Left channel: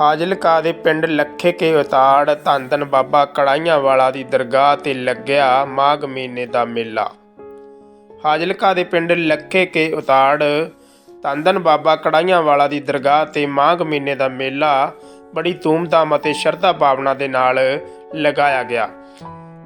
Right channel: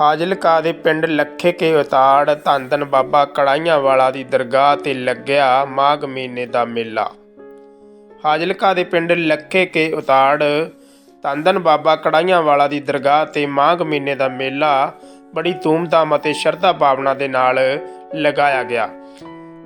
ਫਾਜ਼ਿਲਕਾ ਦੇ ਪਿੰਡ ਲੱਖੇ ਕੇ ਉਤਾੜ ਧੰਨ ਧੰਨ ਬਾਬਾ ਕੜਾਈਆਂ ਵਾਲਾ ਦੀ ਦਰਗਾਹ ਤੇ ਲੱਗਿਆ ਮਾਘ ਮਹੀਨੇ ਦਾ ਮੇਲਾ। ਫਾਜ਼ਿਲਕਾ ਦੇ ਪਿੰਡ ਲੱਖੇ ਕੇ ਉਤਾੜ ਧੰਨ ਧੰਨ ਬਾਬਾ ਕੜਾਈਆਂ ਵਾਲਾ ਦੀ ਦਰਗਾਹ ਤੇ ਮਾਘ ਮਹੀਨੇ ਦਾ ਮੇਲਾ ਬੜੀ ਧੂਮਧਾਮ ਅਤੇ ਸ਼ਰਧਾ ਭਾਵਨਾ ਦੇ ਨਾਲ ਲਗਾਇਆ ਗਿਆ।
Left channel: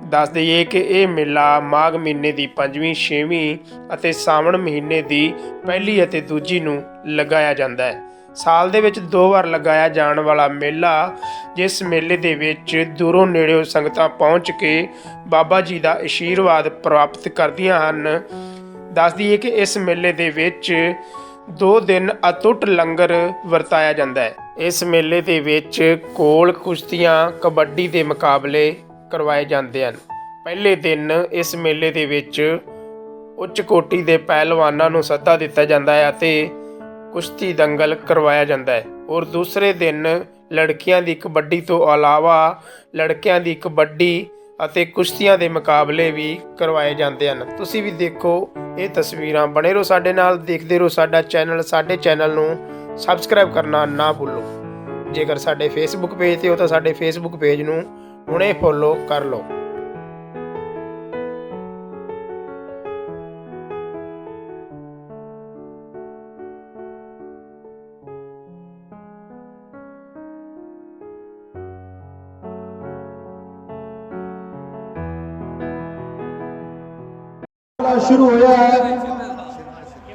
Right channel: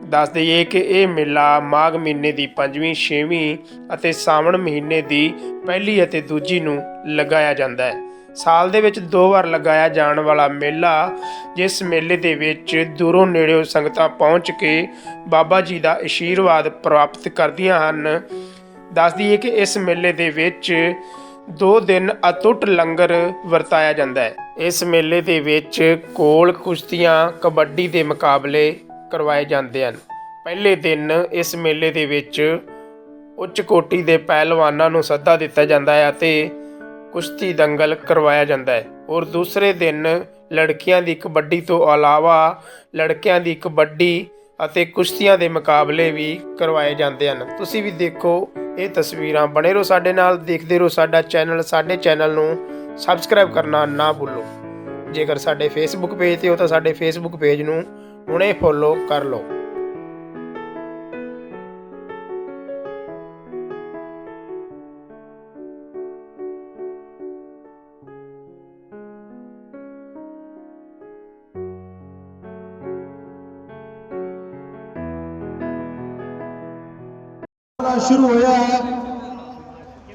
ਦੱਸ ਦਈਏ ਕਿ ਇਹ ਮੇਲਾ ਮਾਘ ਮਹੀਨੇ ਦੀ 5ਵੀਂ 6ਵੀਂ ਅਤੇ ਸਾਵਣ ਮਹੀਨੇ ਦੀ ਪਹਿਲੀ ਅਤੇ ਦੂਜੀ ਨੂੰ ਲਗਾਇਆ ਜਾਂਦਾ ਹੈ। ਸਾਲ ਦੇ ਵਿੱਚ ਦੋ ਵਾਰ ਲਗਾਇਆ ਜਾਣ ਵਾਲਾ ਮੇਲਾ, ਜਿਸ ਮੇਲੇ ਦੇ ਵਿੱਚ ਦੂਰੋਂ ਨੇੜਿਓਂ ਸੰਗਤਾਂ ਪਹੁੰਚ ਕੇ ਬਾਬਾ ਜੀ ਦਾ ਆਸ਼ੀਰਵਾਦ ਪ੍ਰਾਪਤ ਕਰਦੀਆਂ ਹਨ। ਦੱਸ ਦਈਏ ਕਿ ਇਸ ਮੇਲੇ ਦੇ ਵਿੱਚ ਦੋ ਦਿਨ ਅਤੁੱਟ ਲੰਗਰ ਵਰਤਾਇਆ ਜਾਂਦਾ ਹੈ। ਇਸ ਮੇਲੇ ਦੇ ਵਿੱਚ ਕੋਲ ਕੁਸ਼ਤੀਆਂ, ਕਬੱਡੀ ਦੇ ਮੁਕਾਬਲੇ ਕਰਵਾਏ ਜਾਂਦੇ ਹਨ। ਪਹਿਲੇ ਦਿਨ ਇਸ ਮੇਲੇ ਦੇ ਵਿੱਚ ਉੱਚ ਕੋਟੀ ਦੇ ਪਹਿਲਵਾਨਾਂ ਨੂੰ ਸੱਦਾ ਦਿੱਤਾ ਜਾਂਦਾ ਹੈ ਅਤੇ ਕੁਸ਼ਤੀ ਦੰਗਲ ਕਰਵਾਇਆ ਜਾਂਦਾ ਹੈ। ਔਰ ਦੂਸਰੇ ਦਿਨ ਲੜਕੀਆਂ ਦੀ ਕਬੱਡੀ ਤੋਂ ਇਲਾਵਾ ਲੜਕਿਆਂ ਦੀ ਕਬੱਡੀ ਅਤੇ ਕੁਸ਼ਤੀਆਂ ਦੇ ਮੁਕਾਬਲੇ ਵੀ ਕਰਵਾਏ ਜਾਂਦੇ ਹਨ। ਤੁਸੀਂ ਵੀ ਦੇਖੋ ਇਹ ਤਸਵੀਰਾਂ। ਬਣੇ ਰਹੋ ਸਾਡੇ ਨਾਲ, ਦੇਖਦੇ ਰਹੋ ਸਾਡਾ ਚੈਨਲ। ਸਾਡੇ ਚੈਨਲ ਨੂੰ ਸਬਸਕ੍ਰਾਈਬ ਕਰਨਾ ਨਾ ਭੁੱਲੋ। ਜੇਕਰ ਸਾਡੇ ਫੇਸਬੁੱਕ ਪੇਜ ਤੇ ਹੋ ਤਾਂ ਸਾਡੇ ਫੇਸਬੁੱਕ ਪੇਜ ਨੂੰ ਹੁਣੇ ਫੋਲੋ ਕਰ ਲਓ। ਸ਼ੁਰੂ ਹੋਇਆ ਹੈ।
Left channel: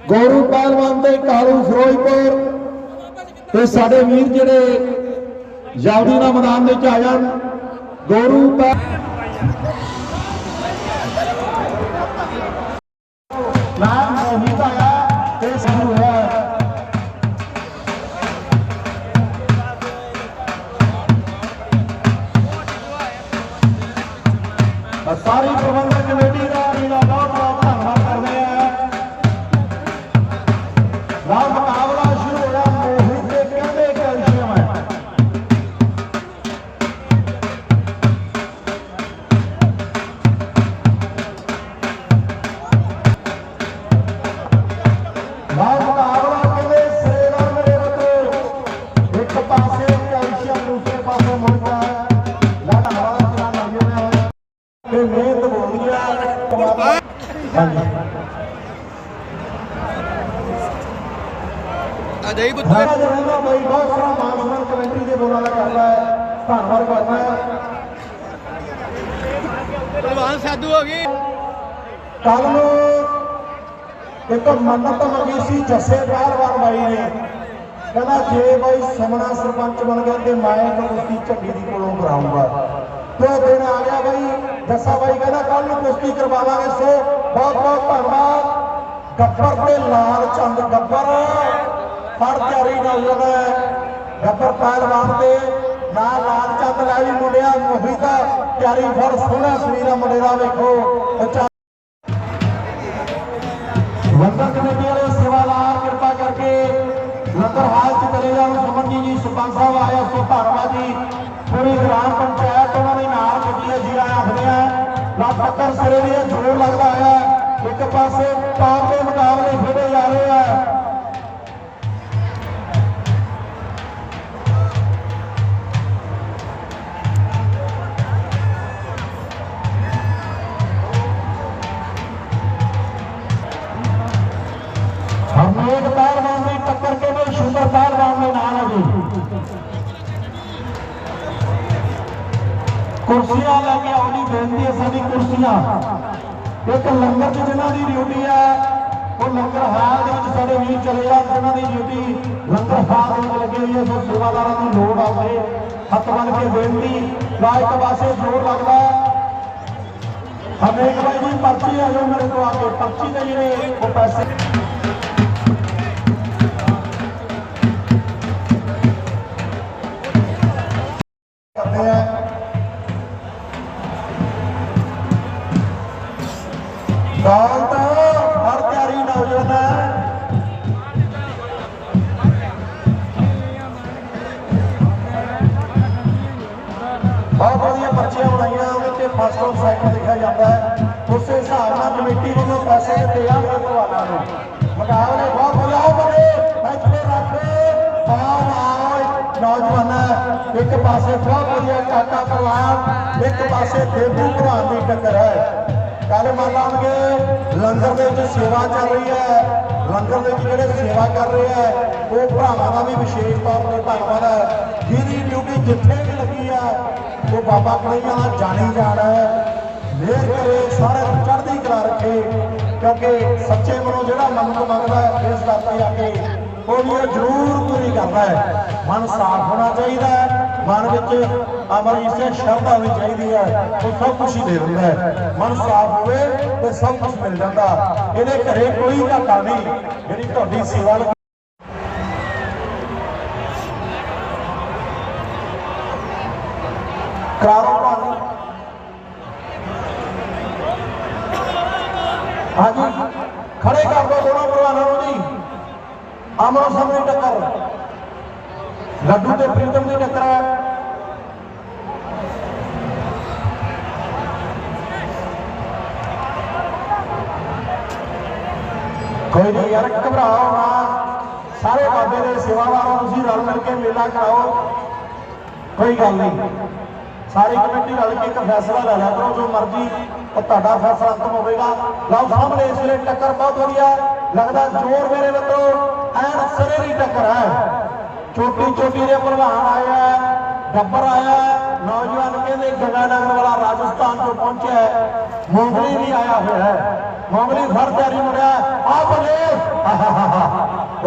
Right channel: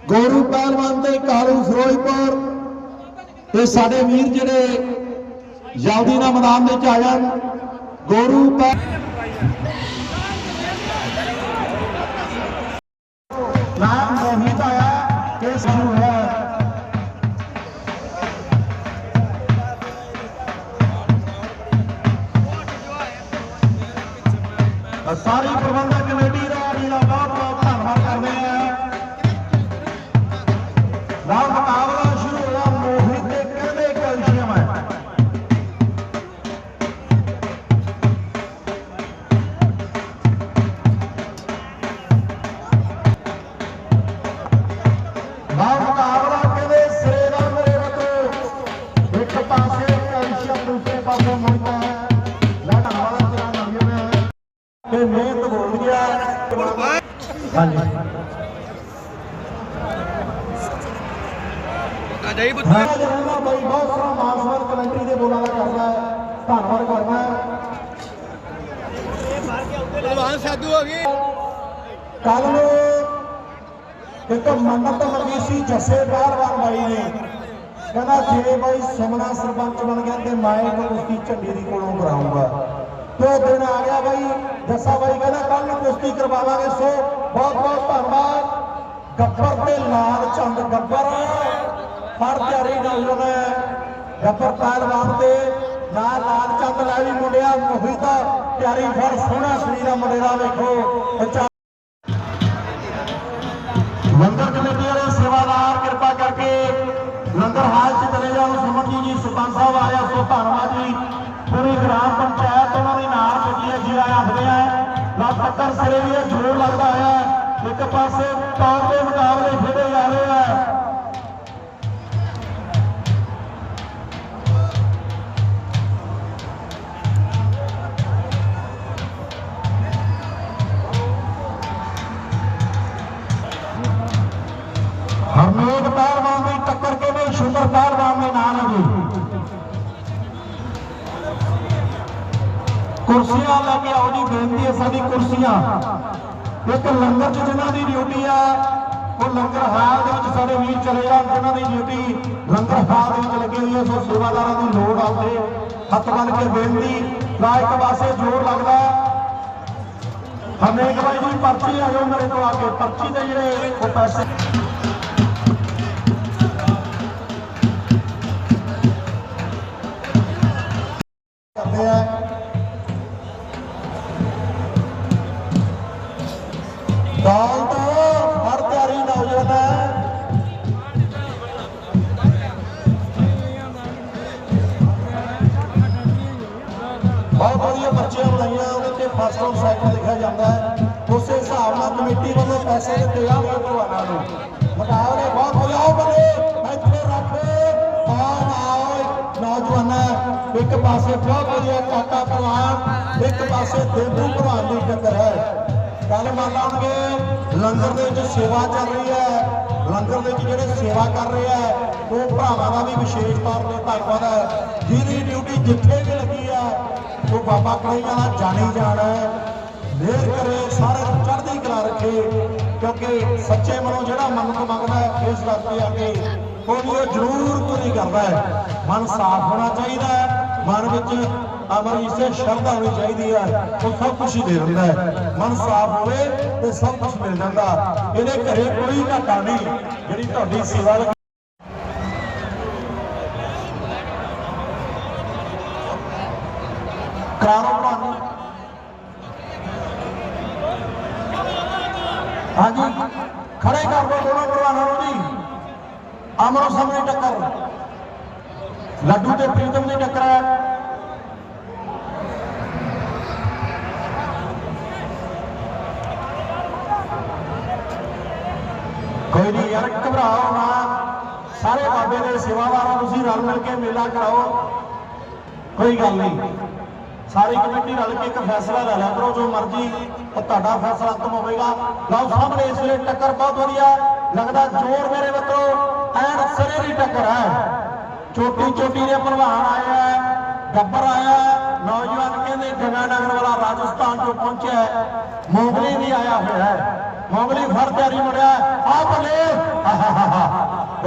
ਗੌਰਵ ਪਹਿਲਵਾਨ ਤੇ ਕਾਲੂ ਫਿਰੋਜ਼ਪੁਰ। ਤੇ ਸਾਡੇ ਵੀਰ ਜਿਹੜੇ ਜਲਦੀ ਮੈਦਾਨ ਵਿੱਚ ਆ ਜਾਣ ਗੌਰਵ ਪਹਿ- ਅਜੇ ਪੁੱਤ। ਹਾਂ ਜਵਾਨਾ ਬਾਈ ਬਹੁਤ ਸਾਰਾ ਮਾਨਸਮਾਨ ਕਮੇਟੀ ਦੇ ਬੋਲਾਂ ਦਾ ਕਰਦਾ ਹੈ। ਧੰਨਵਾਦ ਕਰਦਾ ਹੈ। ਪਹਿਲਵਾਨ ਸਾਧੂ ਹੋ ਗਈ ਕੱਲ ਨੂੰ ਇੱਕ ਮੰਨਤ ਮੰਗੀ ਸੀ ਜੱਸੇ ਪਹਿਲਵਾਨ ਬਾਈ ਨੇ। ਕਹਿੰਦਾ ਜੇ ਬਾਈ ਸਮਣਾ ਸਰਪੰਚ ਬਣ ਗਿਆ ਤੇ ਮੈਂ ਕੁਸ਼ਤੀ ਝੰਡੀ ਦੀ ਕੋਲੋਂ ਕਰਾਉਂਗਾ ਤੇ ਦਿਨ ਆ ਗਿਆ ਬਾਈ ਜੱਸਾ ਬਾਈ ਕਹਿੰਦਾ ਕੱਲ ਨੂੰ ਕੁਸ਼ਤੀ ਕਰਵਾਵਾਂਗੇ ਸੋ ਬਹੁਤ ਬਹੁਤ ਧੰਨਵਾਦ। ਗੱਬਰ ਤੇ ਲਾਲ ਚੰਦ ਗੱਬਰ। ਹਰ ਤਿਆਰੀ ਗੱਬਰ ਪਹਿਲਵਾਨ ਦੇ ਨਾਲ ਲਾਲ ਚੰਦ ਲੈ ਵੀ ਮੁੰਡਿਆ ਮੋਹਿਤਾ ਤਿਆਰੀ ਫਰ ਸੋਹਣਾ ਸਰੀਰਾ ਮੁੰਡੇ ਦਾ, ਵੇਖੋ। ਲੰਗਰ ਕਮੇਟੀ ਵਾਲੇ ਸੇਵਾਦਾਰ, ਕਿਰਪਾ ਕਰਕੇ ਲੰਗਰ ਹਾਲ 'ਚ ਚਲੇ ਜਾਓ। ਸੁਮਨਜੀ ਜੀ ਸੁਪਨ ਸਾਹਿਬ ਆਇਆ ਸੋ ਧੰਨਵਾਦ ਜੀ, ਪੂਰੀ ਗ੍ਰਾਮ ਪੰਚਾਇਤ ਉਹਨਾਂ ਦੇ ਨਾਲ ਪੁੱਜੀ ਹੈ ਜੀਰਾ ਆਖਦੇ ਆ ਲੱਖਰ ਸਿਰੇ ਦੀ ਜ਼ੋਰ ਲੱਗਦਾ ਹੈ ਇੱਕ ਪਾਸੇ ਟੌਪ ਦੇ ਮੁਕਾਬਲੇ ਡਿਊਟੀ ਆ ਉਹ ਲੰਗਰ ਹਾਲ ਦੇ ਵਿੱਚ ਸਾਡੇ ਵੀਰ ਚਲੇ ਜਾਣ ਜਿਨ੍ਹਾਂ ਦੀ ਡਿਊਟੀ ਲੰਗਰ ਹਾਲ ਦੇ ਵਿੱਚ ਲੱਗੀ ਹੋਈ ਹੈ। ਸੋ ਸੇਵਾਦਾਰਾਂ ਦੀ ਲੋੜ ਆਵੇ ਹੱਥ ਬੰਨ ਕੇ ਬੇਨਤੀ ਲਾ ਇੱਕ ਪਾਸੇ ਜੋਰ ਲੱਗਦਾ ਹੈ। ਬਾਈ ਦੀ ਪਰਚੀ ਆ ਜਾਓ ਮੇਰੇ ਤੋਂ ਆ ਕੇ। ਪਰਚੀ ਦੇ ਜਿਹੜੇ ਉਹ ਪੈਸੇ ਪੈਸੇ ਦਿੱਤੇ ਜਾਂਦੇ ਭਗਵਾਨਾਂ ਨੂੰ ਮੁਕਾਬਲੇ ਬਹੁਤ ਵਧੀਆ ਬੰਦੇ ਇੱਥੇ ਰੱਖੇ ਆਓ ਆਓ ਨੌਜਵਾਨ ਇੱਕ ਪਾਸੇ ਬਹੁਤ ਵਧੀਆ ਕਾਕਾ ਪਰਿਵਾਰ, ਇੱਕ ਪਾਸੇ ਦੇਵੂ ਭਰਾ ਦੀ ਟੱਕਰ ਹੈ। ਕੱਲ ਮੰਨ ਲਾਂਗੇ ਲੰਗਰ ਦੇ ਵਿੱਚ ਸੇਵਾ ਚੱਲ ਰਹੀ ਹੈ। ਲੰਗਰ ਦੇ ਵਿੱਚ ਜਿਹੜੇ ਸੇਵਾ ਕਰ ਰਹੇ ਆ ਉਹ ਭਰਾਵਾਂ ਦਾ ਵੀ ਵਿਸ਼ੇਸ਼ ਤੌਰ ਤੇ ਧੰਨਵਾਦ ਹੈ। ਜਿਹਦੀ ਡਿਊਟੀ ਜਿੱਥੇ ਵੀ ਲੱਗੀ ਹੈ, ਉਹ ਬਾਬਾ ਕਰੀਆਂ ਦਾ ਜਾਣੀ ਜਾਣਾ ਹੈ। ਮਿਹਰ ਕਰੇ, ਸਾਰੇ ਨੂੰ ਚੜ੍ਹਦੀ ਕਲਾ ਰੱਖੇ। ਕਿਉਂਕਿ ਸੱਚੇ ਮਨੋਂ ਜਿਹੜਾ ਮਨ ਤੋਂ ਮੰਗਦਾ ਹੈ, ਇਸ ਕਰਕੇ ਆ ਕੇ ਉਹ ਵੀ ਉਹ ਜ਼ਰੂਰ ਪੂਰੀ ਕਰਦਾ ਹੈ। ਮਨ ਸਾਫ਼ ਹੋਣਾ ਚਾਹੀਦਾ ਹੈ ਮਨ ਵਿੱਚ ਅਮਰ ਇਸੇ ਸ਼ਰਧਾ ਹੋਣੀ ਚਾਹੀਦੀ ਹੈ ਤੇ ਸਭ ਕੁਝ ਹੀ ਦੇ ਦਿੰਦਾ ਹੈ। ਮਨ ਸਾਫ਼ ਹੋਵੇ ਤੇ ਸਭ ਕੁਝ ਮਿਲ ਜਾਂਦਾ। ਇਹਦੇ ਘਰੇ ਕੋਈ ਘਾਟਾ ਨਹੀਂ ਜਿਹੜੀ ਤੁਹਾਡੀ ਸੇਵਾ ਲਈ ਕਰਾਰੋ ਤੁਹਾਨੂੰ ਹਾਂਜੀ ਖੜੇ ਕਰ ਦੋ ਦੋਨੋਂ ਭਰਾਵਾਂ ਨੂੰ ਜੀ ਅਮਰ ਸਾਹਮਣੇ ਟੱਕਰ ਲੱਡੂ ਤੇ ਪ੍ਰੀਤਮ ਦੀ ਟੱਕਰ ਹੈ ਕੋਈ ਯਾਰ ਘਬਰਾਓ ਨਾ। ਸਾਰੇ ਬਾਬੇ ਦੇ ਸੇਵਾਦਾਰਾਂ ਤੁਸੀਂ ਰਲ ਮਿਲ ਕੇ ਮੇਲਾ ਕਰਾਓ। ਕੋਈ ਗੱਲ ਨਹੀਂ। ਸਾਰੀ ਕਮੇਟੀ ਰਲ ਕੇ ਇੱਕ ਫੈਸਲਾ ਲੈ ਲਿਆ ਕਰੋ, ਜੋ ਮਰਜ਼ੀ ਤੁਹਾਡਾ ਫੈਸਲਾ ਅੰਤਮ ਹੋਵੇਗਾ। ਲਓ ਸਾਹਮਣੇ ਇਸ ਵੇਲੇ ਟੱਕਰ ਬਹੁਤ ਵਧੀਆ ਲੱਗਦਾ ਜੋਰ ਮੇਰੇ ਵੱਲੋਂ ਐਨ ਸਰੇ ਦੀ ਟੱਕਰ ਹੈ। ਚੋਟੀ ਚੋਟੀ ਦੇ ਭਲਵਾਨ ਆਏ ਆ ਗੱਬਰ ਆਇਆ ਨੌਜਵਾਨ ਕਹਿੰਦੇ ਜਗਾਨਗਰ ਵਾਲਾ ਰਾਜਸਥਾਨ ਤੋਂ ਪਹੁੰਚਿਆ ਹੈ। ਮੋਗਲੀ ਵੀ ਆਇਆ ਹੋਇਆ ਹੈ। ਮੋਗਲੀ ਫਰ ਤਿਆਰੀ ਮੁੜਿਆ ਆ ਬੱਲੇ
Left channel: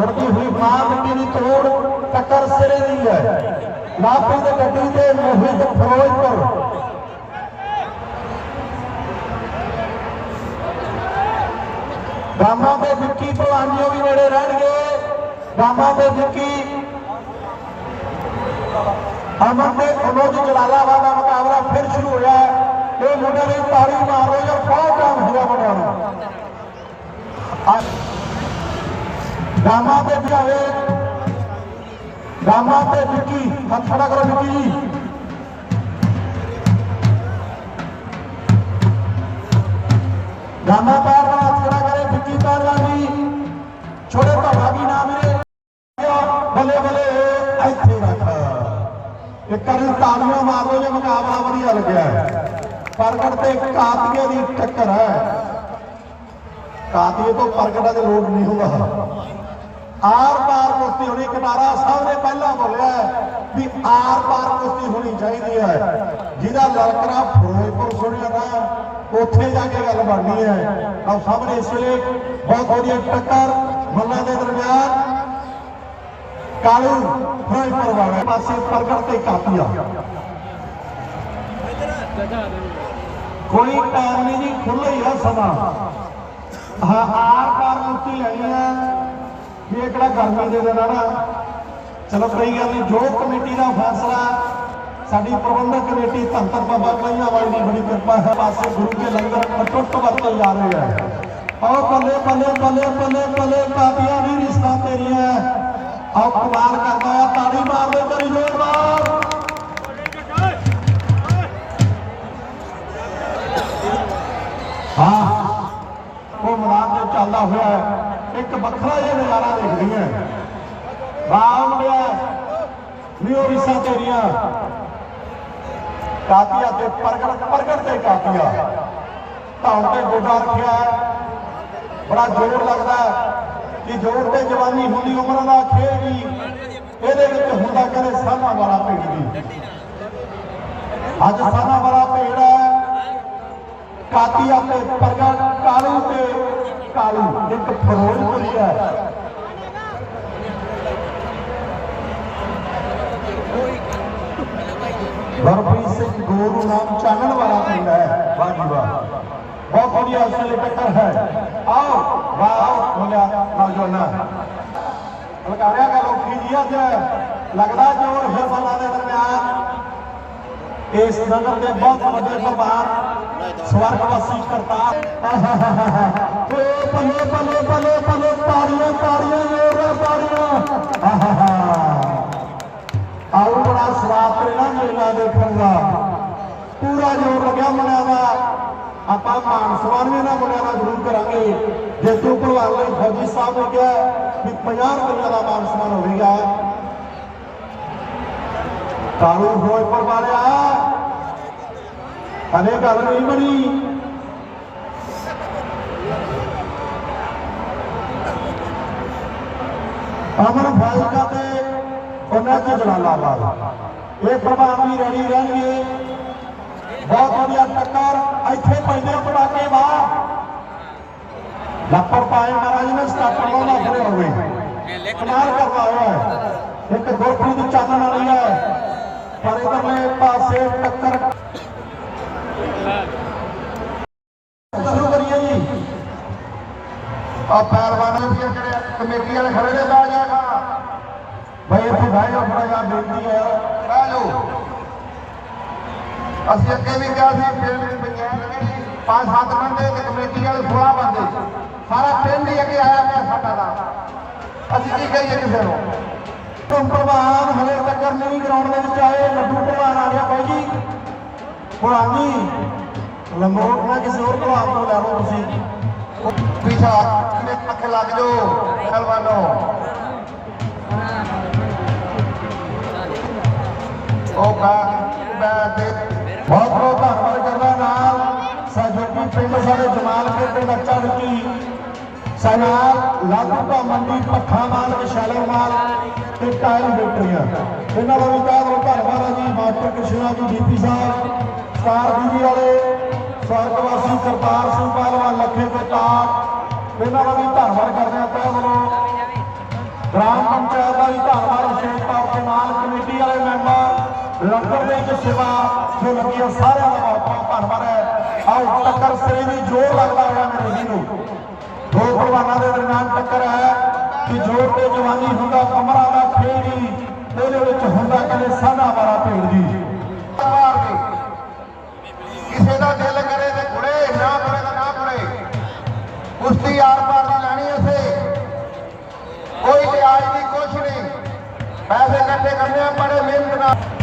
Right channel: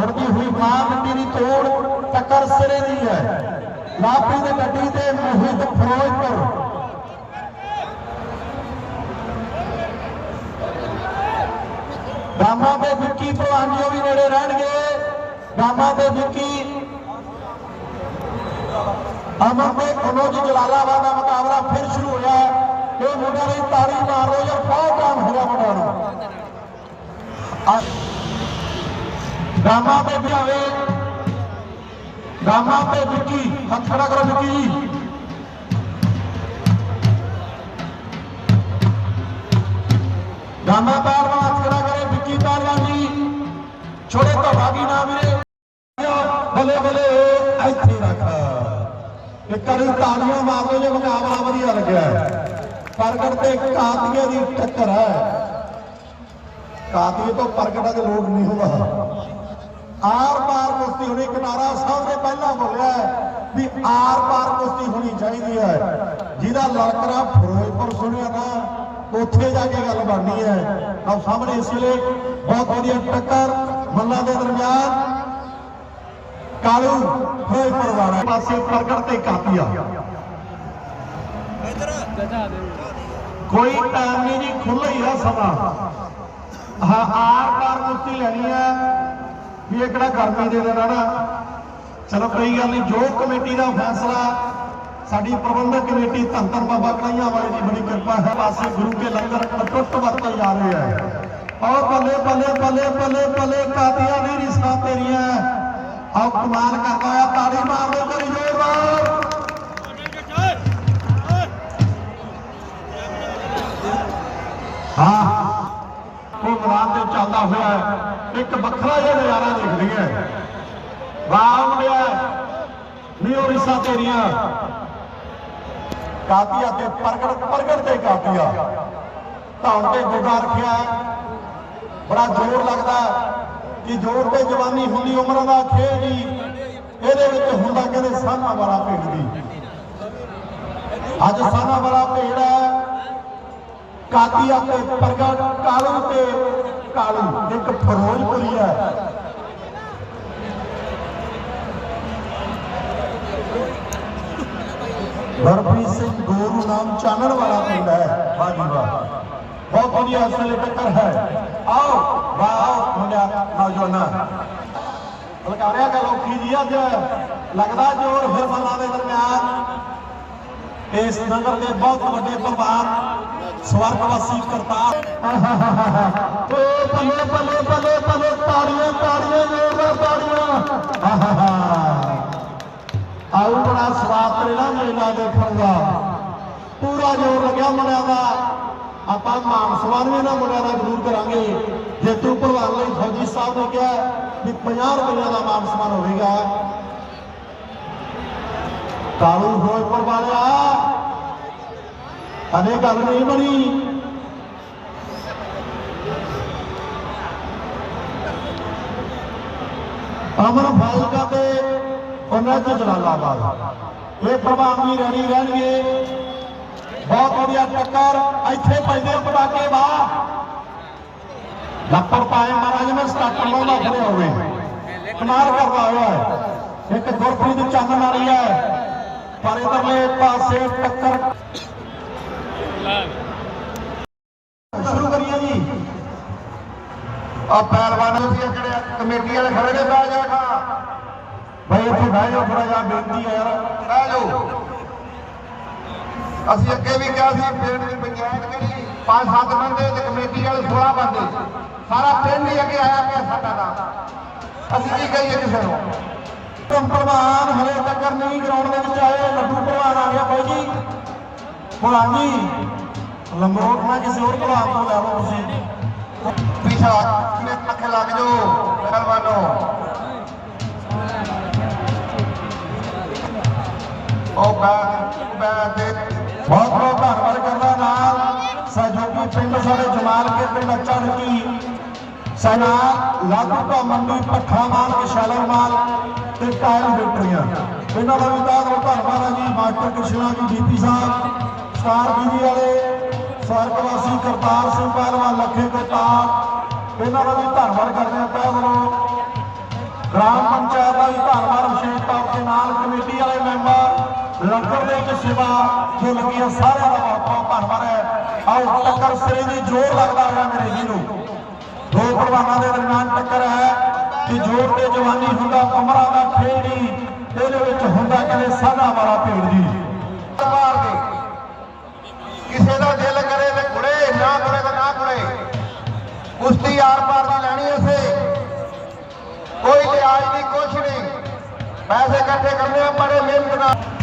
ਉੜਦੀ ਹੋਈ ਮਾਂ ਮਿੱਟੀ ਦੀ ਤੋੜ ਟੱਕਰ ਸਿਰੇ ਦੀ ਹੈ। ਲਾਪੀ ਦੇ ਗੱਡੀ ਤੇ ਮੋਹਿਤ ਫਿਰੋਜ਼ਪੁਰ। ਬਾਮਾ ਤੇ ਵਿੱਕੀ ਭਲਵਾਨੀਓ ਵੀ ਨੇੜੇ ਰਹਿਣਗੇ। ਬਾਮਾ ਤੇ ਵਿੱਕੀ, ਅਮਨ ਤੇ ਅਨੋਜ ਜਲਾਲਾਬਾਦ ਦਾ ਮੁਕਾਬਲਾ ਫਿਰ ਸ਼ੁਰੂ ਹੋਇਆ। ਇਹ ਮੁੰਡਾ ਨੇ ਤਾੜੀ ਮਾਰੋ ਰਹੋ ਜਾਂ ਬਹੁਤ ਕੰਮ ਹੋਇਆ ਮੁੰਡਿਆਂ ਗਾਮਾ ਤੇ ਵਿਆਵੇ ਗਾਮਾ ਤੇ ਵਿੱਕੀ ਹੱਥ ਖੜਾ ਕਰੋ ਵਿੱਕੀ ਜੀ। ਗਾਮਾ ਪੈਰ ਹੱਥ ਖੜਾ ਕਰੇ ਵਿੱਕੀ ਪਹਿਲਵਾਨ ਜੀ। ਛੋੜੇ ਤੁਹਾਡਾ ਵੀ ਨਾ ਵੀਰੇ। ਬੱਲੇ ਬੱਲੇ, ਇੱਥੇ ਰੱਖ। ਇੱਕ ਵਾਰੀ ਤਾਲੀਆਂ ਮਾਰ ਲਓ ਜੇ ਮੁਕਾਬਲਾ ਵਧੀਆ ਲੱਗਿਆ। ਪ੍ਰਗਟ ਤੇ ਕਾਤੀਏ ਦੀ ਟੱਕਰ। ਹੈ ਕਾਤੀਏ ਤੋਂ ਪ੍ਰਗਟਾ ਦੇ ਲੋਕ ਨਹੀਂ ਹੋਗਾ ਆਰ ਪਾਰ ਕੁਸ਼ਤੀ ਹੋਣੀ ਕਟਾਰਾ ਸਾਹਿਬ ਨੇ ਪਹਿਲਾਂ ਬੋਲਿਆ ਵੀ ਆਰ ਪਾਰ ਕੁਸ਼ਤੀ ਹੋਣੀ ਚਾਹੀਦੀ ਹੈ। ਜਿਹਦਾ ਲਲਕਰਾ ਫਿਰੋਜ਼ਪੁਰ ਸੁਣਿਆ ਨਾ, ਉੱਥੇ ਜਾ ਕੇ ਗੱਲ ਬਣਨੀ ਹੈ। ਆਹ ਸਾਹਮਣੇ ਇਸ ਵੇਲੇ ਬਹੁਤ ਵਧੀਆ ਟੱਕਰ ਮੱਲਾਂ ਦੇ ਦਰਮਿਆਨ। ਕਾਲੂ ਫਿਰੋਜ਼ਪੁਰ ਵਾਲਾ ਪਾਸੇ ਪ੍ਰਗਟ ਤੇ ਕਾਪੀਆ ਕੋਈ ਟਾਈਮ ਨਹੀਂ ਖੁੱਲ੍ਹਾ ਹੀ ਆ ਸਮਾਂ। ਹਾਂ ਆਰ ਪਾਰ ਕੁਸ਼ਤੀ ਲੈਣੀ ਹੈ ਇਹ ਕਿਹੜਾ ਗਰਮੀ ਦੇ ਦਿਨ ਆ ਨਾ, ਚਲੋ ਕੋਈ ਗੱਲ ਨਹੀਂ, ਜੋ ਕਮੇਟੀ ਦਾ ਫੈਸਲਾ, ਸਾਡੀ ਪ੍ਰਬੰਧਕ ਕਮੇਟੀ ਧੰਨ ਧੰਨ ਬਾਬਾ ਕਈਆਂ ਵਾਲੀ ਦੀ ਬੜੀ ਕਿਰਪਾ ਹੈ, ਪਾਸੇ ਗੁਰੂ ਕੇ ਲੰਗਰ ਅਟੁੱਟ ਵਰਤੇ ਜਾ ਰਹੇ ਹੈ। ਆਓ ਬੱਲੇ ਬੱਲੇ ਬੱਲੇ ਬੱਲੇ ਬੱਲੇ ਕਾਦੀਆਂ ਦੀ ਰਿਸ਼ਤਾ ਤੇਰੀਆਂ, ਆਓ ਕਮਾਲ ਕਰਦਾ ਹੋਇਆ ਤਾੜੀ ਵੱਖਰਾ ਜਿਹਾ ਨਜ਼ਾਰਾ ਦੇਖਦੀ ਹੈ ਵਾਹ ਮੁੰਡਿਆ ਨੀ ਉਹ ਤੇਰੀਆਂ। ਕਾਤੀਆ ਤੇ ਪ੍ਰਗਟ ਪ੍ਰਗਟ ਤੇ ਕਾਤੀਆ ਧੌਣ ਤੇ ਗੋਡਾ ਰੱਖਿਆ। ਬੜਾ ਜ਼ੋਰ ਲੱਗਦਾ ਕਿ ਜ਼ੋਰ ਤੇ ਜਵਾਨੀ ਹੁੰਦੀ ਉਮਰ ਦਾ ਖੇਡ ਨਹੀਂ ਇਹਦੇ ਵਿੱਚ ਹੁੰਦਾ ਕਹਿੰਦੇ ਸਾਨਾ ਵਾਲਾ ਭੇਡ ਅੱਜ ਸਾਨਾ ਵਾਲਾ ਭੇਡ ਕਾਤੀਆ ਤੇ ਪ੍ਰਗਟ ਕਾਲੂ ਤੇ ਕਾਲੂ। ਇੱਕ ਫਿਰੋਜ਼ਪੁਰੀ ਹੈ। ਦਰਪੀ ਸਿੰਘ ਗੋਰੂ ਨਾਮ ਚਾਨਣ ਵਾਲਾ ਪਿੰਡ ਹੈ। ਵਾਹ ਵਾਹ। ਬਹੁਤ ਵਧੀਆ ਅਸਲ ਟੱਕਰ ਹੈ। ਆਓ, ਵਾਹ ਮੁੰਡਾ, ਨੌਜਵਾਨਾ। ਲਗਾਰਿਆ ਗੱਲ ਔਖੀ ਜੀ ਅੱਜ? ਲੱਗਦਾ ਜੋਰ ਫਿਰ ਬੱਲਾ ਦਰਮਿਆਨ। ਇਸ ਨਗਰ ਦੇ ਬਹੁਤ ਵੱਡੇ ਭਗਵਾਨ ਸਵਰਗਵਾਸੀ ਕਰਤਾਰ। ਓ ਬੱਲੇ ਬੱਲੇ ਬੱਲੇ ਬੱਲੇ ਤਾੜੀਆਂ ਤਾੜੀਆਂ ਜੋਰਾਂ ਤਾੜੀਆਂ। ਆਹਾਹਾ। ਆਉ ਬੜਾ ਸਵਾਦ ਤੇਰਾ ਮੇਲਾ ਦੇਖਣ ਦਾ। ਪੂਰਾ ਜੋਰ ਲੱਗਿਆ ਮੁੰਡਿਆਂ ਦਾ। ਆਪਾਂ ਮਾਨ ਸਨਮਾਨ ਵੀ ਇਹਨਾਂ ਮੁੰਡਿਆਂ ਦਾ ਜ਼ਰੂਰ ਕਰਾਂਗੇ। ਜੇਤੂ ਭਲਵਾਨ ਲਈ ਫੌਜੀ ਸਾਹਿਬ ਨੇ ਕਿਹਾ ਵੀ 50 ਰੁਪਈਆ ਦਾ ਮਾਨ ਸਨਮਾਨ ਹੋਵੇਗਾ ਕਾਲੂ ਫਿਰੋਜ਼ਪੁਰ ਵਾਲਿਆ ਹਲੇ ਗੱਲ ਨਹੀਂ ਬਣੀ। ਅਮਰ ਫਾਜ਼ਿਲਕਾ ਤੇ ਉਹਨਾਂ ਚ ਜਲਾਲਾਬਾਦ। ਇਹ ਪ੍ਰਮਾਣ ਵੀ ਰਹਿਣਗੇ। ਬਹੁਤ ਵਧੀਆ ਟੱਕਰ, ਇੱਥੇ ਪੈਂਦੇ ਪਟਾਕੇ ਵਾ ਲੱਪਰ ਪਾਏ ਮਹਾਰਾਜ, ਮੈਂ ਸਟਾਰਟਰ ਲਾਉਂਦਾ ਖੜੇ ਹੋਵੇ ਕਮਾਲ ਕਰਦਾ ਹੋਇਆ ਇੱਕ ਗੁਰਪ੍ਰੀਤ ਚਾਨਣ ਵਾਲੀ ਹੈ। ਪਰ ਇਧਰਲੇ ਪਾਸੇ ਟੱਕਰ ਸ਼ੁਰੂ ਕਰੀਏ ਜੀ ਆ ਪਹਿਲਵਾਨ ਵੀ ਜਿਹੜੇ ਕਮੇਟੀ ਵਾਲੇ ਖੜੇ ਨੇ ਬਹਿ ਜਾਏਗਾ ਭਾਈ ਇੱਥੇ ਬਹਿ ਜਾਓ ਥੋੜਾ ਜਿਹਾ ਬੇਨਤੀ ਹੈ। ਬਹਿ ਜਾਓ। ਅਸੀਂ ਅੱਗੇ ਵੀ ਕਿਹਾ ਸੀ, ਪਿੰਡ ਦੀ ਪੰਚਾਇਤ ਜਿਹੜੀ ਪੰਜ ਸੱਤ ਬੰਦੇ ਤੇ ਕਮੇਟੀ ਵਾਲੇ 16 ਬੰਦੇ। ਸਾਰਾ ਪਿੰਡ ਹੀ ਅੱਗੇ ਆਇਆ ਪਿਆ ਸਾਡਾ ਦਾ। ਅਸੀਂ ਕੀ ਕਹੀਏ ਕਿਸੇ ਨੂੰ? ਧਰਮ ਪ੍ਰਵਾਨ ਹਲੇ ਤੱਕ ਨਹੀਂ ਗਰਾਊਂਡ ਦੇ ਵਿੱਚ ਆਏ, ਲੱਡੂ ਪ੍ਰਵਾਨ ਆ ਗਿਆ ਬਾਈ ਜੀ। ਪ੍ਰਵਾਨ ਜੀ ਲੰਬੋਟ ਨਾ ਕਿਸੇ ਹੋਰ ਪ੍ਰਵਾਨ ਤੋਂ ਲੈ ਲਓ ਤੁਸੀਂ। ਪੀਛਾ ਨੇ ਅੱਖ ਲੱਗ ਜੋ ਪਹਿਲਵਾਨੋ ਉਹ ਬੈਠ ਦੇ ਬਹੁਤ ਬਹੁਤ ਧੰਨਵਾਦ ਕਰਦਾ ਨਾਲ ਸਹਿਯੋਗੀ ਪਿੰਡ ਸਾਡੇ ਜਮਾਲ ਕੇ ਪਿੰਡ ਅੱਚਾ ਸਨਾਲ ਲਾਗੂਪਾ ਮੰਡੀ ਭੱਠਾ ਮਾਲ ਵਿਸ਼ਾਲਰ ਮਾਲ ਤੇ ਟਾਇਲ ਬੈਟਰੀਆਂ ਇਹਨਾਂ ਦਾ ਵੀ ਬਹੁਤ ਧੰਨਵਾਦ ਹੈ ਜੀ ਮਾਸਟਰ ਕ੍ਰਿਸ਼ਨਾ ਜੀ ਡੀਪੀ ਸਾਹਿਬ ਸਟਾਰ ਟੀਵੀ ਵਾਲੇ ਸਵਰਗਵਾਸੀ ਕਰਤਾਰ ਸਿੰਘ ਪਹਿਲਵਾਨ ਲੱਖੇ ਕਰਤਾਰ ਇਹਨਾਂ ਦਾ ਵੀ ਧੰਨਵਾਦ ਕਰਦੇ ਹਾਂ ਤਹਿ ਵੱਲੋਂ ਗ੍ਰਾਮ ਪੰਚਾਇਤ ਦਾ ਵੀ ਧੰਨਵਾਦ ਵਿਸ਼ੇਸ਼ ਤੌਰ ਤੇ ਨਾਲ ਕਮੇਟੀ ਵਾਲੇ ਮੈਂਬਰ ਲੰਗਰ ਦੇ ਵਿੱਚ ਸੇਵਾ ਜੋ ਲੱਗੀ ਸਾਰਿਆਂ ਦਾ ਬਹੁਤ ਬਹੁਤ ਧੰਨਵਾਦ ਹੈ। ਆਓ ਟੱਕਰ ਸਿਰੇ ਦੀ ਜੋਰ ਲੱਗਦਾ ਹੋਇਆ ਮੇਰੇ ਜੀ ਨੂੰ। ਦੋ ਭਲਵਾਨਾਂ ਦੇ ਦਰਮਿਆਨ ਟੱਕਰ ਹੈ ਕਿ ਜੋਰ ਤੇ ਜਵਾਨੀ ਹੁੰਦਾ, ਕਮਰਾਂ ਦਾ ਖੇਡ ਇਹਦੇ ਵਿੱਚ ਹੁੰਦਾ ਕਦੇ ਸਾਧਾ ਵਾਲਾ ਭੇਡ ਜੀ ਮਾਰ ਦੇ। ਕਿਸੇ ਦਾ ਦਿਲ ਕਰੇ ਤੇ ਕੁੜੇ ਨਾ ਕਰੇ ਤਾਂ ਨਾ ਕੁੜੇ ਕੁਸ਼ਤੀ ਆਰ ਪਾਰ ਦੀ ਲੈਣੀ ਅਸੀਂ ਕੋਈ ਲਿਆਜ ਨਹੀਂ ਕੁਛ ਨਹੀਂ। ਪੈਸੇ ਇਕੱਠੇ ਕਰਨੇ ਆ ਬੜੇ ਮਿਹਨਤ ਨਾਲ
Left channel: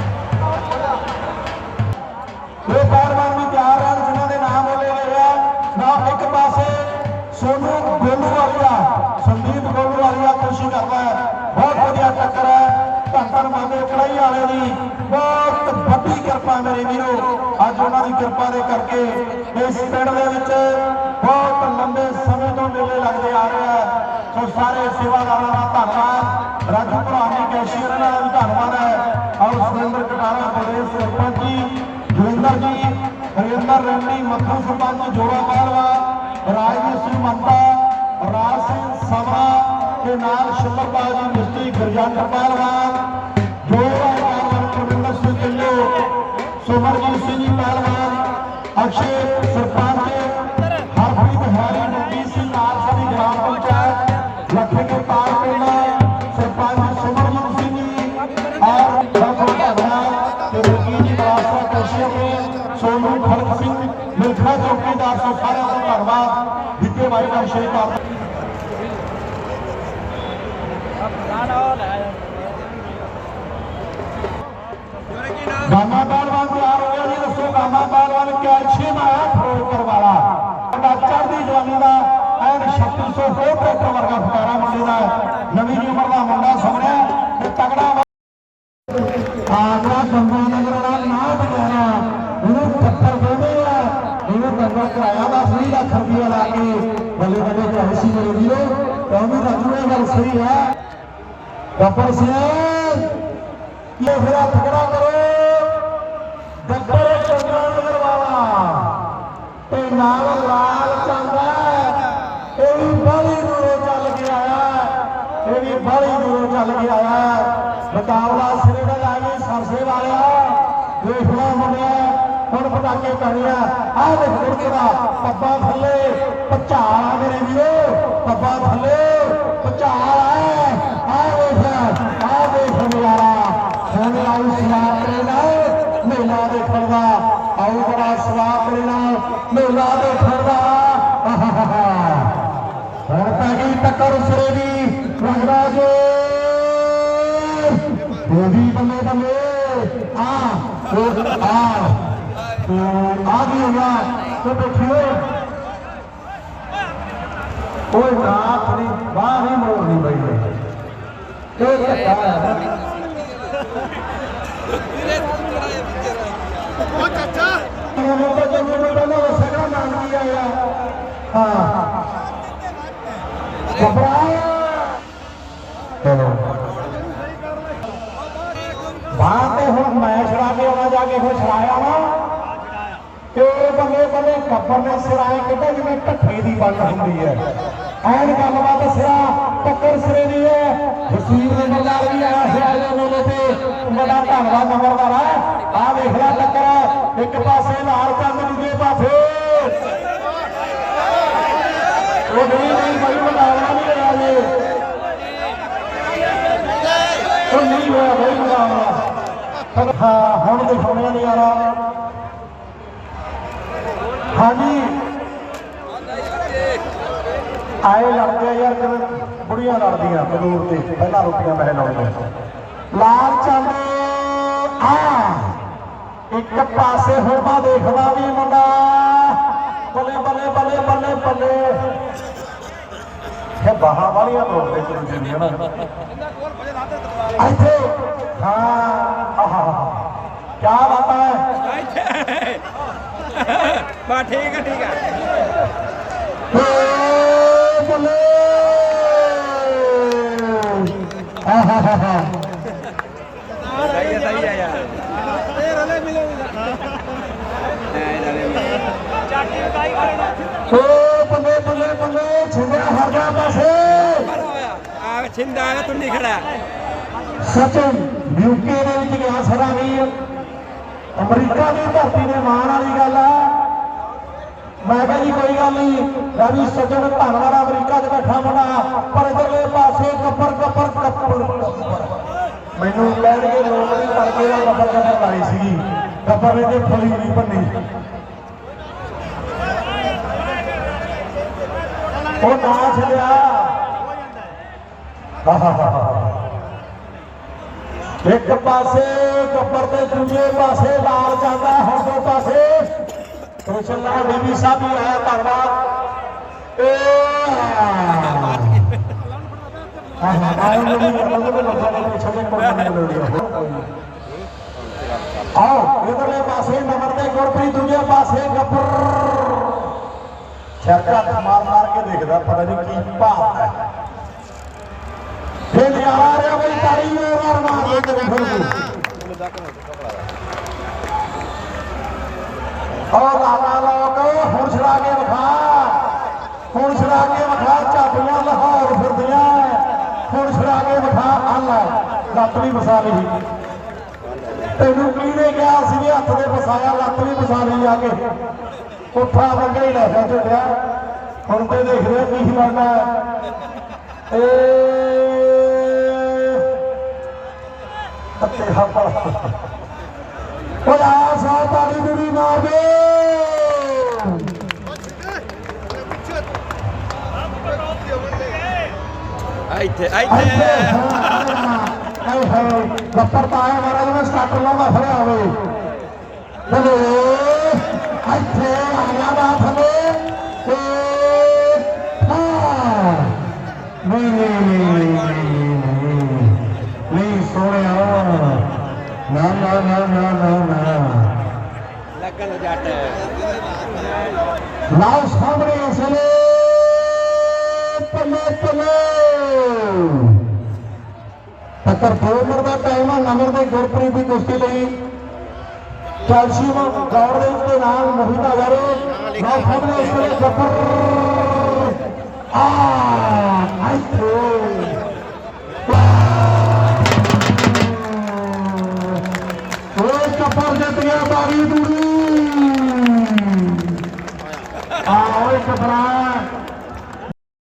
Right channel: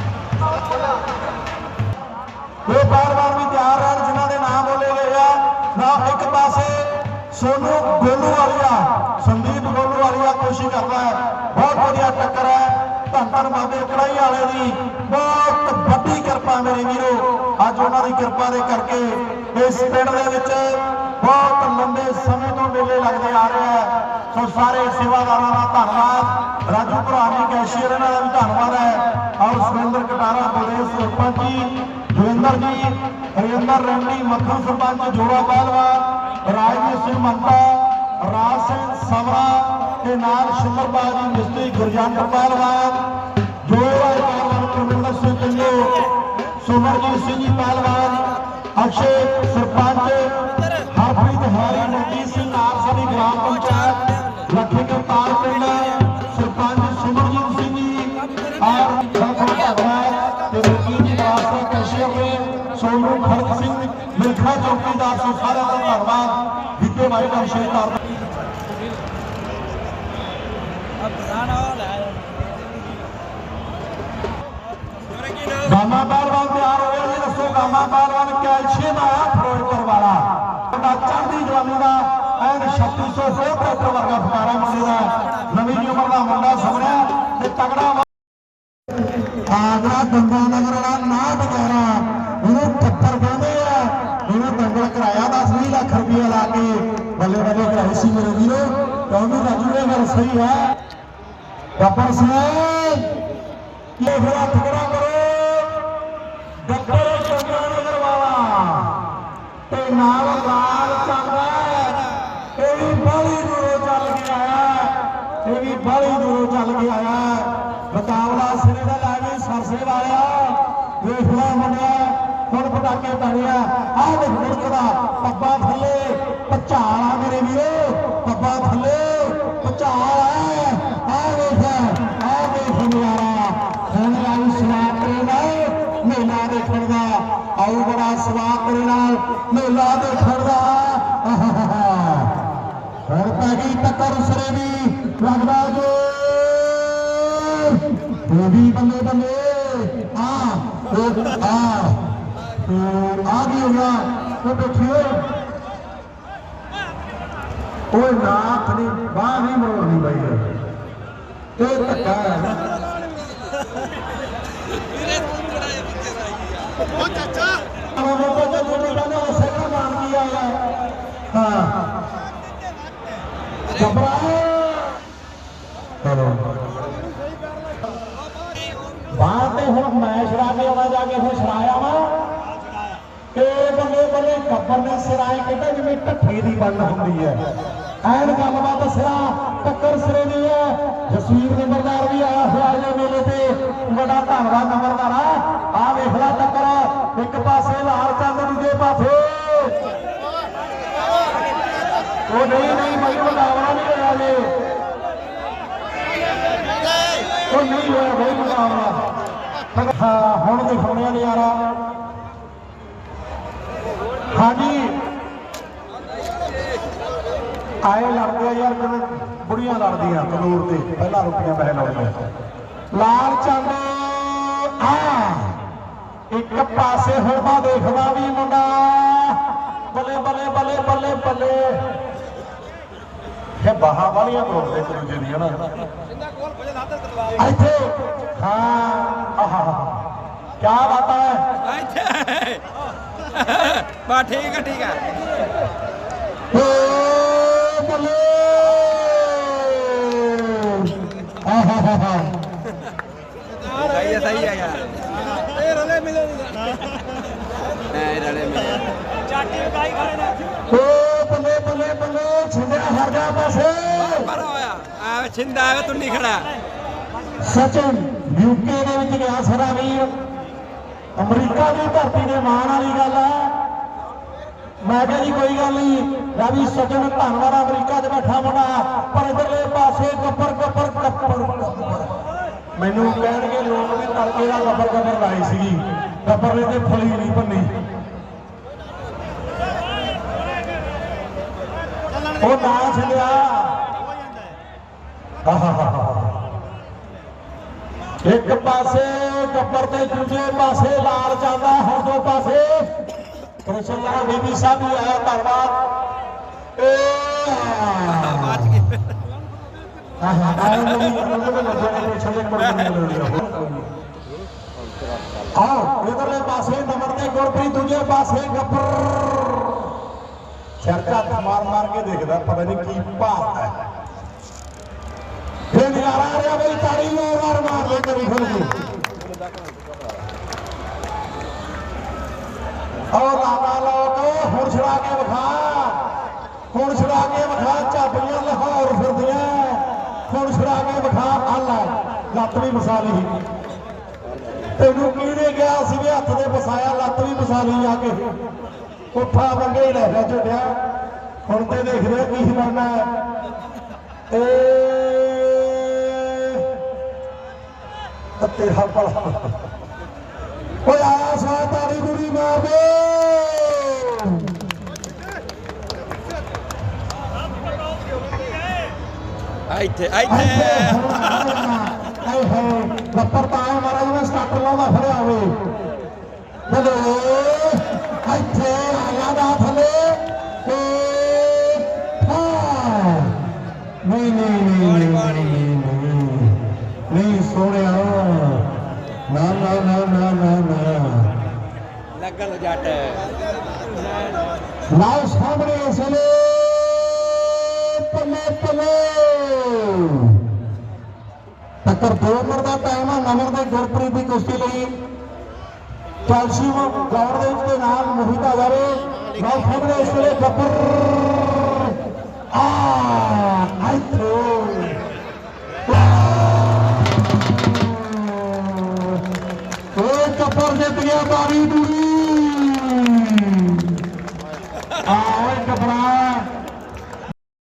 ਇਹ ਬਾਰ-ਬਾਰ ਵੀ ਤਿਆਰ ਹਨ ਜਿਨ੍ਹਾਂ ਦੇ ਨਾਮ ਬੋਲੇ ਗਏ ਆ। ਨਾ ਇੱਕ ਪਾਸੇ ਸੋਨੂ ਗੋਲੂ ਵਾਲੀਆ ਸੰਦੀਪ ਗੋਲੂ ਵਾਲੀਆ ਕੋਸ਼ਿਸ਼ ਕਰਦਾ ਹੈ। ਬਹੁਤ ਵਧੀਆ ਟੱਕਰ ਹੈ। ਧੰਨ ਧੰਨ ਬਾਬੇ ਕੜਾਈ ਵਾਲੇ ਦੀ ਬਹੁਤ ਵੱਡੀ ਕਿਰਪਾ ਮੇਰੇ ਵੀਰੋ। ਅੱਜ ਉਹਨਾਂ ਦੀ ਕਿਰਪਾ ਦੇ ਕਰਕੇ ਇਸ ਪਿੰਡ ਦੇ ਵਿੱਚ ਬਹੁਤ ਲੰਬੇ ਸਮੇਂ ਤੋਂ ਮੇਲੇ ਲੱਗਦੇ ਆ ਰਹੇ ਆ। ਸੋ ਸਾਰੇ ਸੇਵਾਦਾਰਾਂ ਦਾ ਧੰਨਵਾਦ। ਰਾਜੂ ਭਰਾ ਨੇ, ਕੈਸ਼ੀਅਰ ਇਹਨਾਂ ਸਰਪੰਚ ਜੀ ਜੋਗਿੰਦਰ ਜੀ ਰਜਿੰਦਰ ਰੈਂਡੀ ਮੱਖਣ ਸਰਪੰਚ ਜੋੜਾ ਪਹਿਲਵਾਨ ਰਾਜਵੀਰ ਸਿੰਘ ਮੰਡਾ, ਰਾਜ ਸਿੰਘ ਸਭਾ ਤੇ ਨਾਲ ਸ਼ੁਕਰਪਾਲ ਜੀ, ਮਿਸਤਰੀ ਗੁਰਜੰਟ ਪਹਿਲਵਾਨ ਮਿਲਖਾ ਚੌਕੀਦਾਰ ਸੋ ਸਾਰਿਆਂ ਦਾ ਧੰਨਵਾਦ। ਵਿਕੇ ਬਾਰੇ ਦਾ ਵਿਸ਼ੇਸ਼ ਤੌਰ ਗਾਮਾ ਪਹਿਲਵਾਨ ਤਿਆਰ ਹੋ ਗਿਆ ਜੀ, ਦੱਸੋ ਗਾਮਾ ਬਾਲਵਾਨ ਕੈਲਸ਼ੀਅਮ ਆਇਆ ਫਿਰੋਜ਼ਪੁਰ ਵਾਲਾ। ਉਹਦਾ ਚੜ੍ਹਦੀ ਜਵਾਨੀ ਦਾ, ਐਨ 3600 ਫੋਰ ਟਰੈਕਟਰ ਵਰਗਾ ਫਕਾਰਾ ਮੁੰਡੇ ਦਾ। ਨਵੀਂ ਉਮਰ ਦਾ ਮੁੰਡਾ ਸਮਰਿਆ ਤੇ ਤਗੜਾ ਗੱਬਰ ਸਿੰਘ ਇਹ ਹੋਇਆ? ਤਗੜਾ ਕਰੋ। ਗੱਬਰ ਚੰਗਾ ਨਗਰ ਵਾਲਾ। ਤੇ ਨਾਲ ਲਾਲ ਚੰਦਾ ਇਹ ਵੀ ਬੜੀ ਦੂਰੋਂ ਚੱਲ ਕੇ ਆਇਆ ਇਹ ਵੀ ਬੜੀ ਦੂਰੋਂ ਚੱਲ ਕੇ ਆਇਆ ਮੁਕਾਬਲਾ ਸਿਰੇ ਦਾ ਲਾ ਗਈ ਸਰਸੇ ਵਾਲਿਆ। ਵੇਖ ਲਾ ਮੁੰਡਿਆ ਹੁਣ ਪਟਾਕੇ ਕਰਿਆ ਆਹ ਦੇਖ ਮੁਰਕਦਾ ਪੱਬਾ ਥੱਲੇ। ਆਉ ਬੜਾ ਸਵਾਦ ਕਰੇ ਨਾਲ ਮੇਲਾ ਦੇਖਣ ਦਾ ਆਹਾਹਾ ਹੁਣ ਪੈ ਗਈ ਟੱਕਰ ਉਸਰੇ ਦੀ ਲੱਗਦਾ ਜੋ ਇਹ ਵੀ ਬੱਲੇ ਬੱਲੇ ਆ ਉਹ ਆ ਉਹ ਆ ਗਈ ਹੋਇਆ ਤੇ ਦੇਖਿਓ ਓਏ ਨਾਥ ਤੁਹਾਨੂੰ ਤਾਂ ਜਦੋਂ ਤੋਂ ਪਹਿਲਾਂ ਸਗਰਾ ਨਾਮ ਕੀ ਆਇਆ? ਹਾਂ। ਘਬਰਾਓ ਬਾਹਰ ਤੇ ਹੁਣ ਮੈਂ ਛੜਾ ਕੇ ਆਉਣਾ, ਜਾ ਕੇ ਫਿਰ ਛੜਾਇਆ ਵਾ। ਤੇ ਬੱਲੇ ਬੱਲੇ ਕੱਪਰ ਨੇ ਸਿਰਾਇਆ ਕਿਤੇ ਜਿਵੇਂ ਟੱਠੇ ਦੀ ਬੰਦ ਹੁੰਦੀ ਹੈ। ਐਨ ਗੱਲਬਾਤ ਸਿਆ। ਟੱਕਰ ਸਿਰੇ ਦੀ ਹੈ ਜਸਵੀਰ ਨੰਬਰਦਾਰ ਵੀ ਆਇਆ ਹੋਇਆ ਇਹ ਮੇਲੇ ਤੇ। ਬੜਾ ਧੰਨਵਾਦ ਨੰਬਰਦਾਰ। ਆ ਆਹ ਵੇਖ ਲੈ ਟੱਕਰ ਇੱਕ ਪਾਸੇ ਲਾਲ ਚੰਦ, ਦੂਜੇ ਪਾਸੇ ਉਹ ਨਹੀਂ ਨਹੀਂ ਬਾਈ ਬੁਲਾਵਾ ਨਹੀਂ ਹੋਇਆ ਜੀ। ਉਹ ਨਹੀਂ ਹੋਇਆ ਬਾਈ ਬੁਲਾਵਾ ਪਰ ਹਾਂ, ਹੁਣ ਦਿਖਾਉਣੇ ਆ ਨਜ਼ਾਰਾ। ਹਾਂਜੀ। ਆਏ ਲੜਦੇ ਆ ਯਾਰ ਕਿਵੇਂ ਬੁੜੀਆਂ ਲੜਦੀਆਂ ਕਨੂਰ ਤੇ, ਪਹਿਲਾਂ ਰੁਪਈਆ ਪੈਸੇ ਲਾਉਂਦੇ ਲਾਲ ਚਾਂਦੇ ਆ ਇੱਕ ਪਾਸੇ ਹੋਣਾ ਦੇਖਦਾ ਵੀ ਮੁੰਡਾ। ਬੱਲੇ ਬੱਲੇ ਬੱਲੇ ਬੱਲੇ ਬੱਲੇ। ਇਹ ਬਾਹਾਂ ਵਾਲੀਆਂ ਕੋਲ ਤੇ ਕਰੀ ਜਾਂਦੀਆਂ ਨਾ। ਇੱਥੇ, ਹਾਂ, ਆਹਾ ਕੀ ਬਾਤ ਹੈ? ਬਾ, ਠੀਕ ਆ ਠੀਕ ਆ ਏ ਬੱਲੇ ਆਹਾਹਾਹਾ ਸਹੀ ਆ ਸਹੀ ਆ ਯਾਰ ਇਹ ਰਲੇ ਮਿਲੇ ਇਹ ਰਲੇ ਮਿਲੇ ਓ ਬੱਲੇ ਬੱਲੇ ਬੱਲੇ ਛਿੰਦਿਆ ਹਰ ਗਿਆ ਪਾਸੇ ਪਰ ਹੋਇਆ ਆ ਛਿੰਦਾ ਆ ਤੂੰ ਨਹੀਂ ਖੜਾ ਸਚਨ ਯੂਕੇ ਦੇ ਵਿੱਚ ਗਿਆ ਸਰਾ ਵੀਰ। ਅਮਰੀਕਾ ਦੀ ਧਰਤੀ ਦੇ ਮਾਣ ਵਾਲੀ ਗੱਲ ਆ। ਮੈਂ ਕਿਹਾ ਜੀ, ਕੋਈ ਗੱਲ ਨਹੀਂ। ਰਵੀ ਸਚਨ ਧੰਨਵਾਦ, ਅਮਰੀਕਾ 'ਚ ਬੈਠਾ ਮੁੰਡਾ। ਪਰ ਇਧਰਲੇ ਪਾਸੇ ਕੱਪਰ ਕੱਪਰ ਕੱਪਰ ਕੱਪਰ ਮੈਨੂੰ ਕਹਿਣਗੇ ਲੋਕ ਨਹੀਂ ਕਰਕੇ ਦਾ ਕੱਪਰ ਕੱਪਰ ਲਾਈ ਸੀਗੀ। ਕੱਪਰ ਨੇ ਤੇ ਫਲੀ ਨਹੀਂ ਭੰਨੀ। ਉਹ ਨਾ ਛੱਡਿਆ। ਆਹਾਹਾਹਾ ਇੱਕ ਪਾਸੇ ਗੱਬਰ ਤੇ ਦੂਜੇ ਪਾਸੇ ਲਾਲ ਜਾਂਦਾ, ਹੁਣ ਦੋ ਪਾਸੇ। ਕ੍ਰਿਸ਼ਨ ਲਾਲ ਦੇਵੀ ਸਾਹਿਬ ਵੀ ਆਇਆ ਧੰਨਵਾਦ। ਏ ਆਹ ਦੇ ਇਧਰਲੇ ਪਾਸੇ ਨੰਬਰ ਤੇ ਗੁਰਪ੍ਰੀਤ, ਦੂਜੇ ਪਾਸੇ ਗੱਬਰ। ਚਰਚਾ ਮਾਰ ਮਾਰ ਕੇ ਦੇਖਦਾ, ਪਤਾ ਨਹੀਂ ਕੀ ਭਾਵ ਹੈ। ਫਿਰ ਆ ਰਿਹਾ ਬਈ ਤਾੜੀ ਮਾਰ ਮਾਰ ਦੇ ਕਰੀ ਫਿਰ ਉਹ ਲਾਲਾ ਲੋਕ, ਹੁਣ ਛੜਾ ਕੇ ਵਿਖਾ। ਹੁਣ ਛੜਾ ਕੇ ਵਿਖਾ ਝਾਪੀਆਂ ਲਾਹੌਰ ਫਿਰਦੀਆਂ। ਹੁਣ ਛੜਾ ਕੇ ਵਿਖਾ, ਅੱਲ ਲੱਤ ਵੀ ਵਸਾ ਲਈ। ਤੈਨੂੰ ਕਿਹਨੇ ਕਿਹਾ ਸੀ ਵੀ ਹੱਥ ਦੇ ਫਸਾਇਆ, ਲੱਤ ਵੀ ਵਸਾ ਲਈ ਆ ਕੇ? ਪੁੱਠਾ ਮੰਗੇ ਹੀ ਲੈ ਝੁੱਟਿਆ। ਹੁਣ ਤੇ ਦੇਖ ਰਿਹਾ ਕੀ ਬਣਨਾ ਏ ਅੱਤੇ ਹੱਪਾ ਓਏ ਆ ਸਾ ਤਾੜੀ ਦੂਰੀ ਮਾਰ ਦੇ। ਇੱਥੇ ਇੱਥੇ। ਹਾਏ ਲੱਪਰ ਤਾਂ ਆਇਆ ਮਹਾਰਾਜ ਨੇ ਸਟਾਰਟ ਲਾਉਂਦਾ ਫੜਿਆ ਹੋਵੇ ਬੋਲੇ ਲੱਗਣ ਜੱਟ। ਲਾਓ ਸਾਹਮਣੇ ਅਸਲੇ ਪੱਲੇ ਪੱਲੇ ਟੱਕਰ ਦੋ ਦਾ ਟਾਈਮ ਹੈ ਨੰਬਰ ਦੇ ਗੁਰਪ੍ਰੀਤ ਦੀ ਕੁਸ਼ਤੀ ਲਈ। ਕੈਲਸ਼ੀਅਮ ਗੌਰ ਦੇ ਨਾਲ ਮੋਹਿਤ ਹਜ਼ਾਰੇ ਲਾਓ ਸਾਹਮਣੇ ਇਸ ਵੇਲੇ ਗੱਬਰ ਆ ਆਈਥੋ ਉਹ ਕੱਪਰ ਜਿੱਤ ਗਿਆ ਬਾਰੀ ਦੂਰੀ